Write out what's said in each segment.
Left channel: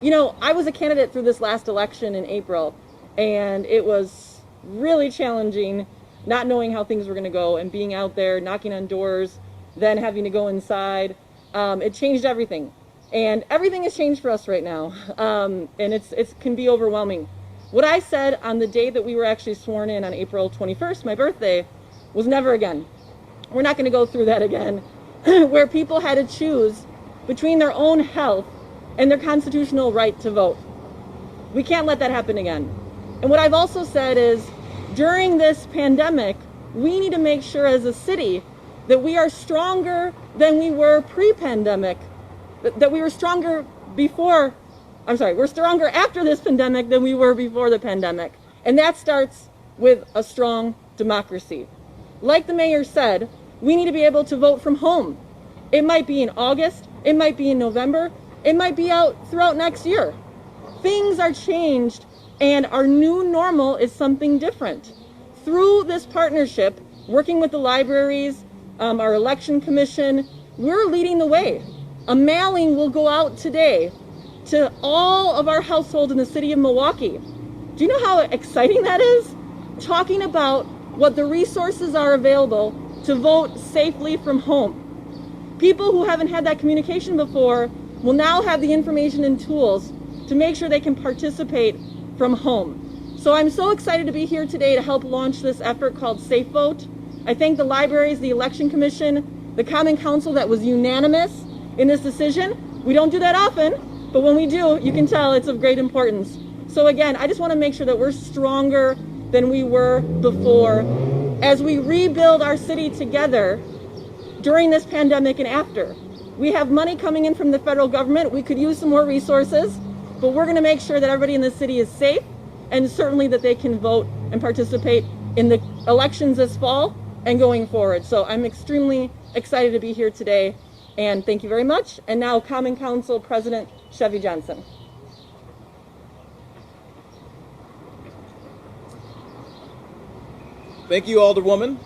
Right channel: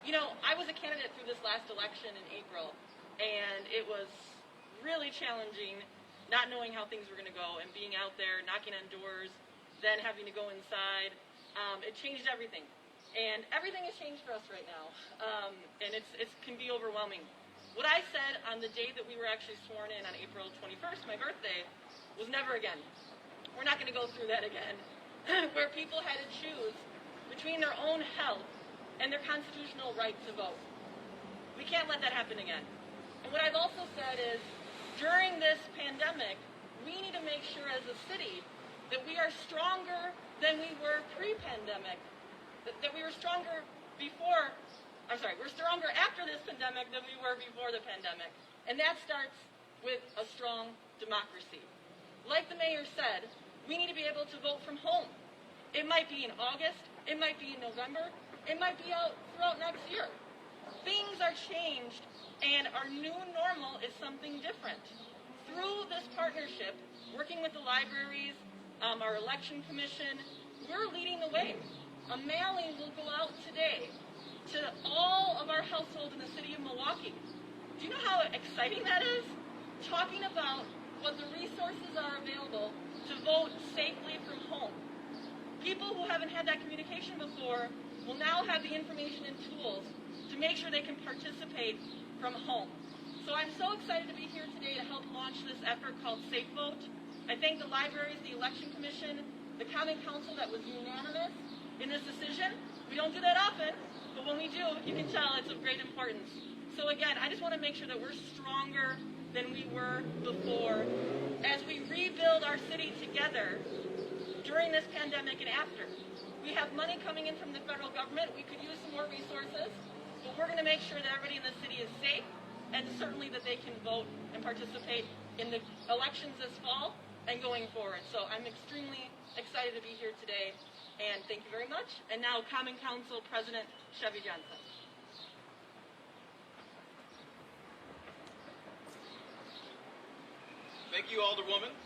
You know, I was a candidate through this last election in April, and it was really challenging not knowing how things were going to go and being out there knocking on doors, then having to go inside. It changed everything, and everything has changed for us right now, and it can be overwhelming. What I said on the day that we were actually sworn in on April 21st, my birthday, was never again. We're not going to go through that again, where people had to choose between their own health and their constitutional right to vote. We can't let that happen again. And what I've also said is, during this pandemic, we need to make sure as a city that we are stronger than we were pre-pandemic, that we were stronger before, we're stronger after this pandemic than we were before the pandemic. And that starts with a strong democracy. Like the mayor said, we need to be able to vote from home. It might be in August, it might be in November, it might be out throughout next year. Things are changed, and our new normal is something different. Through this partnership, working with the libraries, our election commission, we're leading the way. A mailing will go out today to all of our households in the city of Milwaukee. Do you know how exciting that is? Talking about what the resources are available to vote safely from home. People who haven't had that communication before will now have the information and tools to make sure they can participate from home. So I'm so excited to be here today to help launch this effort called SafeVote. I thank the libraries, the election commission, the Common Council that was unanimous in this decision. We don't do that often, but when we do, you can tell it's of great importance. So again, I just want to make sure that we're stronger than we were before as we rebuild our city together during this pandemic and after. We have money coming in from the federal government. We could use some more resources, but we're going to make sure that everybody in the city is safe and certainly that they can vote and participate in the elections this fall and going forward. So I'm extremely excited to be here today, and thank you very much. And now Common Council President Chevy Johnson. Thank you, Alderwoman.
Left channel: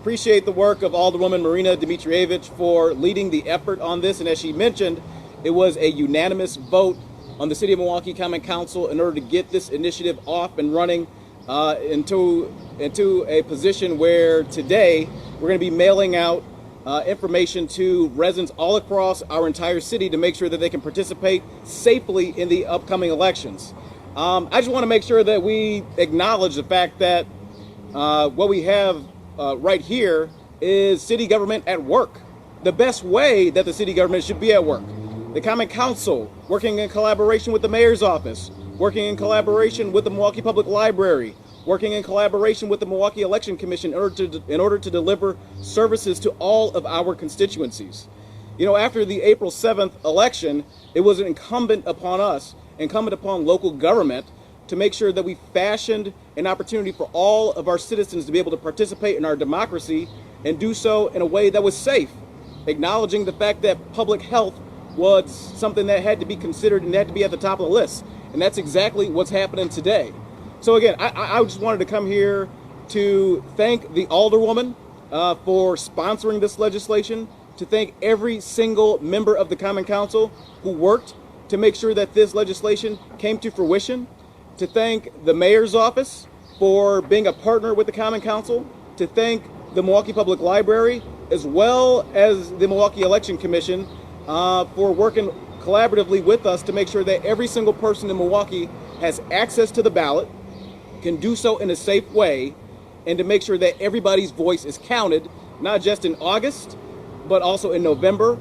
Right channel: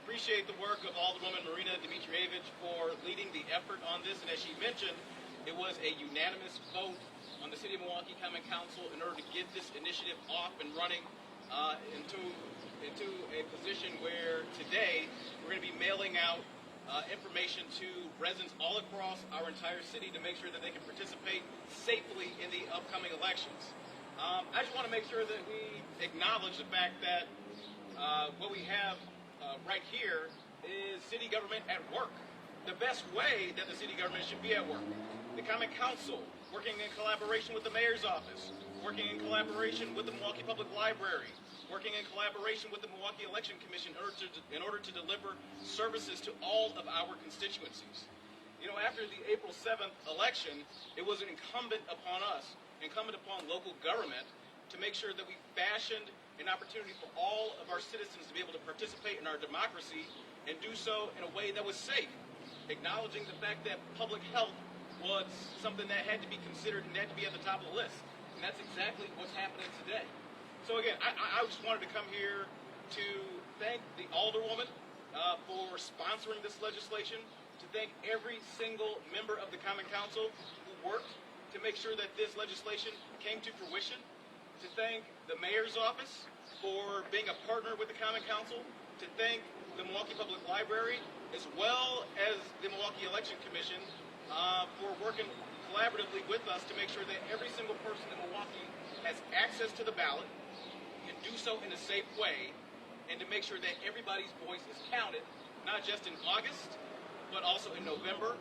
Appreciate the work of Alderwoman Marina Dimitrievich for leading the effort on this. And as she mentioned, it was a unanimous vote on the City of Milwaukee Common Council in order to get this initiative off and running into a position where today we're going to be mailing out information to residents all across our entire city to make sure that they can participate safely in the upcoming elections. I just want to make sure that we acknowledge the fact that what we have right here is city government at work. The best way that the city government should be at work. The Common Council, working in collaboration with the mayor's office, working in collaboration with the Milwaukee Public Library, working in collaboration with the Milwaukee Election Commission in order to deliver services to all of our constituencies. You know, after the April 7th election, it was incumbent upon us, incumbent upon local government, to make sure that we fashioned an opportunity for all of our citizens to be able to participate in our democracy and do so in a way that was safe, acknowledging the fact that public health was something that had to be considered and had to be at the top of the list. And that's exactly what's happening today. So again, I just wanted to come here to thank the Alderwoman for sponsoring this legislation, to thank every single member of the Common Council who worked to make sure that this legislation came to fruition, to thank the mayor's office for being a partner with the Common Council, to thank the Milwaukee Public Library, as well as the Milwaukee Election Commission for working collaboratively with us to make sure that every single person in Milwaukee has access to the ballot, can do so in a safe way, and to make sure that everybody's voice is counted, not just in August, but also in November.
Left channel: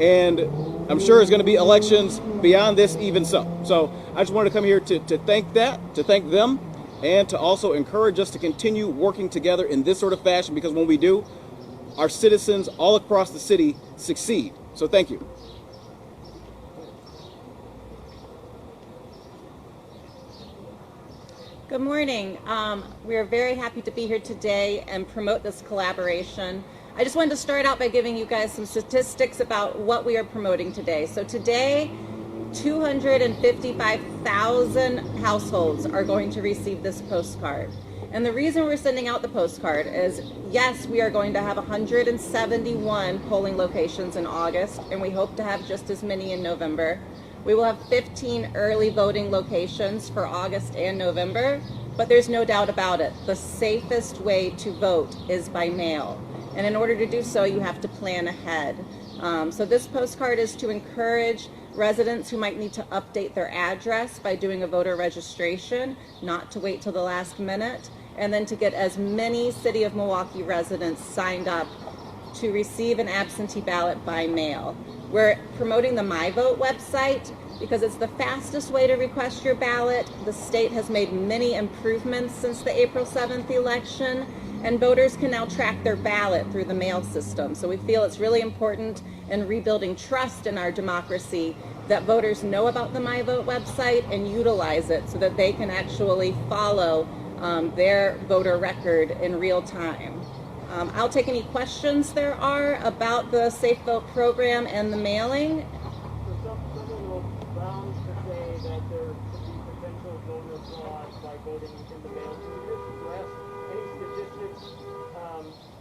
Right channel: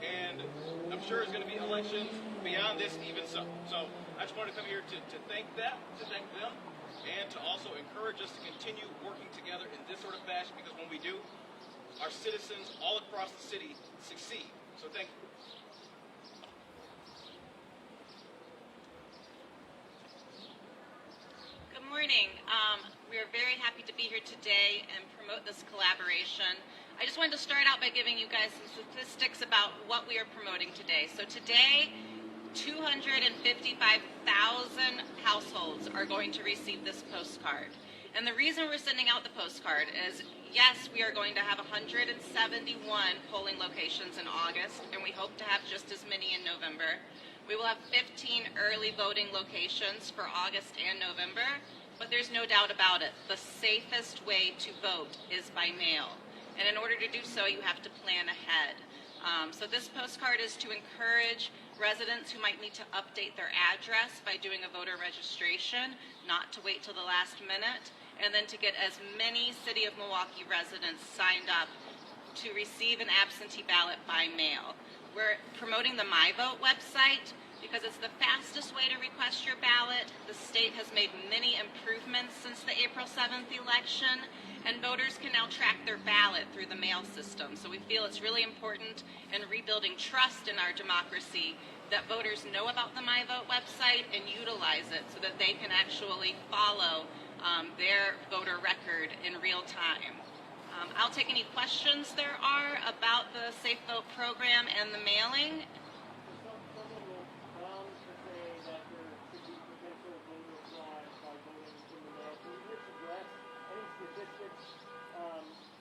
And I'm sure there's going to be elections beyond this even so. So I just wanted to come here to thank them, and to also encourage us to continue working together in this sort of fashion, because when we do, our citizens all across the city succeed. So thank you. Good morning. We are very happy to be here today and promote this collaboration. I just wanted to start out by giving you guys some statistics about what we are promoting today. So today, 255,000 households are going to receive this postcard. And the reason we're sending out the postcard is, yes, we are going to have 171 polling locations in August, and we hope to have just as many in November. We will have 15 early voting locations for August and November, but there's no doubt about it. The safest way to vote is by mail. And in order to do so, you have to plan ahead. So this postcard is to encourage residents who might need to update their address by doing a voter registration, not to wait till the last minute, and then to get as many City of Milwaukee residents signed up to receive an absentee ballot by mail. We're promoting the MyVote website because it's the fastest way to request your ballot. The state has made many improvements since the April 7th election, and voters can now track their ballot through the mail system. So we feel it's really important in rebuilding trust in our democracy that voters know about the MyVote website and utilize it so that they can actually follow their voter record in real time. I'll take any questions there are about the SafeVote program and the mailing. Some will bound to say that there could be potential voter fraud by voting in the mail. Can you just address any statistics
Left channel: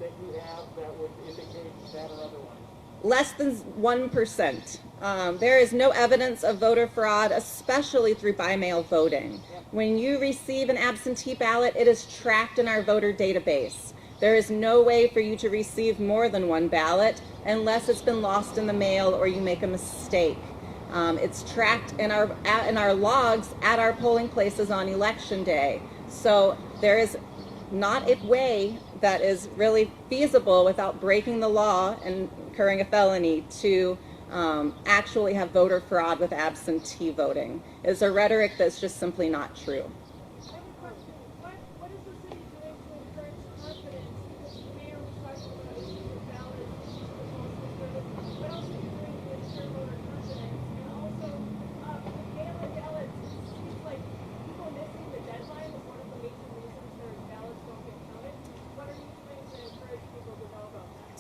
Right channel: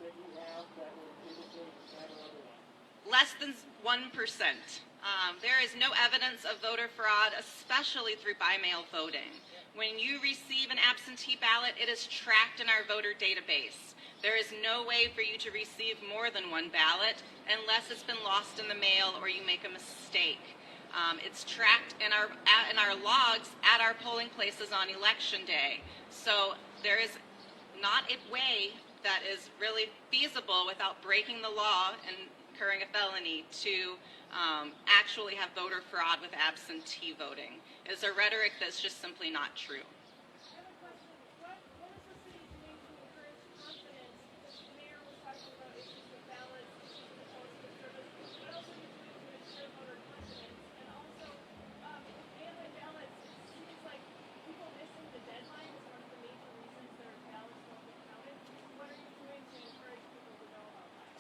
that you have that would indicate that or otherwise? Less than 1%. There is no evidence of voter fraud, especially through by-mail voting. When you receive an absentee ballot, it is tracked in our voter database. There is no way for you to receive more than one ballot unless it's been lost in the mail or you make a mistake. It's tracked in our logs at our polling places on election day. So there is not a way that is really feasible without breaking the law and incurring a felony to actually have voter fraud with absentee voting. It's a rhetoric that's just simply not true.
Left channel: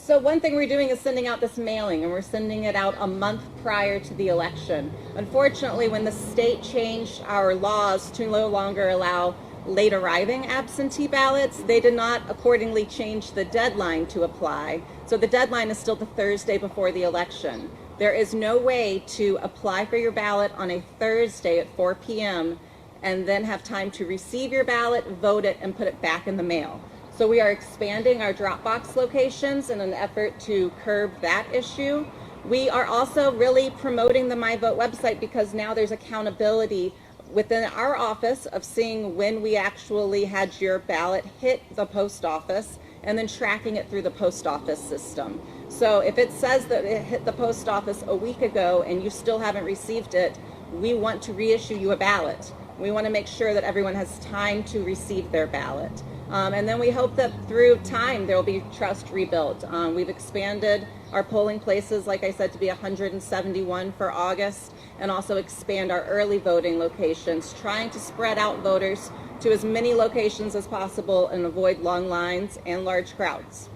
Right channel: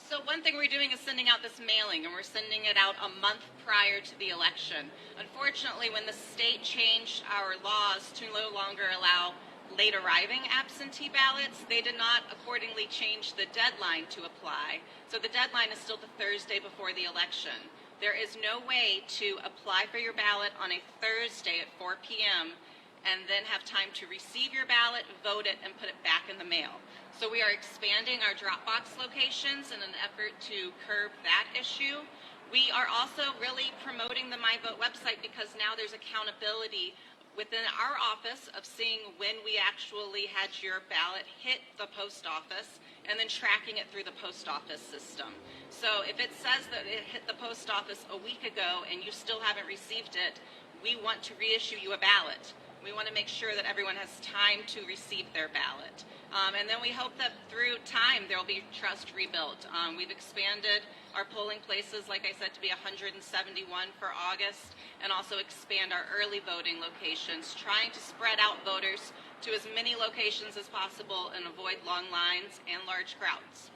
So one thing we're doing is sending out this mailing, and we're sending it out a month prior to the election. Unfortunately, when the state changed our laws to no longer allow late arriving absentee ballots, they did not accordingly change the deadline to apply. So the deadline is still the Thursday before the election. There is no way to apply for your ballot on a Thursday at 4 p.m. and then have time to receive your ballot, vote it, and put it back in the mail. So we are expanding our drop box locations in an effort to curb that issue. We are also really promoting the MyVote website because now there's accountability within our office of seeing when we actually had your ballot hit the post office and then tracking it through the post office system. So if it says that it hit the post office a week ago and you still haven't received it, we want to reissue you a ballot. We want to make sure that everyone has time to receive their ballot. And then we hope that through time there will be trust rebuilt. We've expanded our polling places, like I said, to be 171 for August, and also expand our early voting locations, trying to spread out voters to as many locations as possible and avoid long lines and large crowds.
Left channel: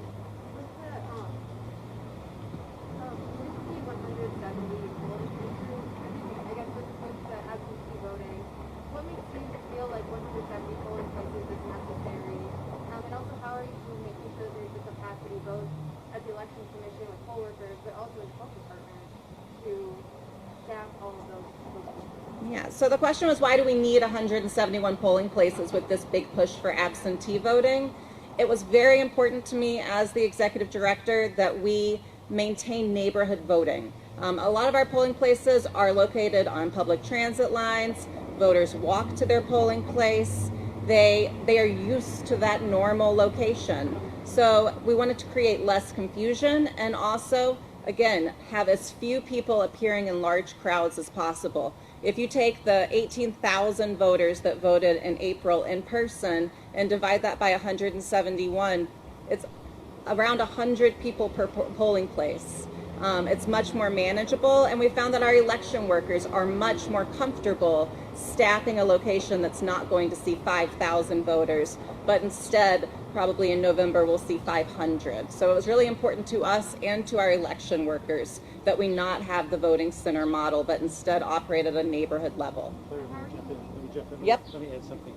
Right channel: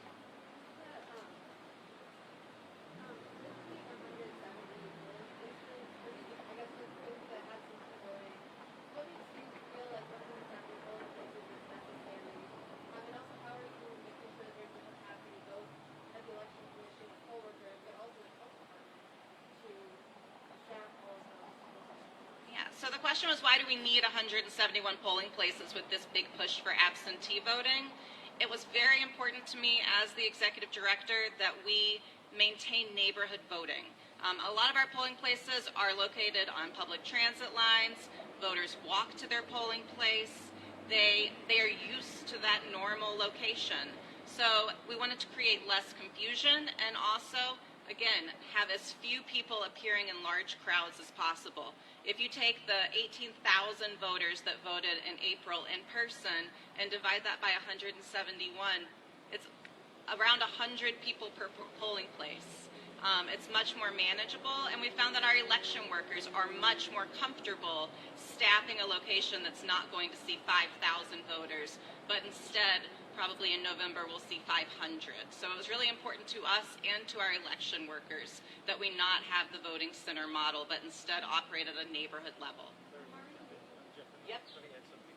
Yeah, so the question was, why do we need 171 polling places with this big push for absentee voting? It was very important to me as the executive director that we maintain neighborhood voting. A lot of our polling places are located on public transit lines. Voters walk to their polling place. They are used to that normal location. So we wanted to create less confusion and also, again, have as few people appearing in large crowds as possible. If you take the 18,000 voters that voted in April in person and divide that by 171, it's around 100 people per polling place. It's much more manageable, and we found that our election workers are much more comfortable staffing a location that's not going to see 5,000 voters, but instead, probably in November, we'll see 500. So it was really important to us and to our election workers that we not have the voting center model, but instead operate at a neighborhood level. Let me jump in. Yep. Let me add something.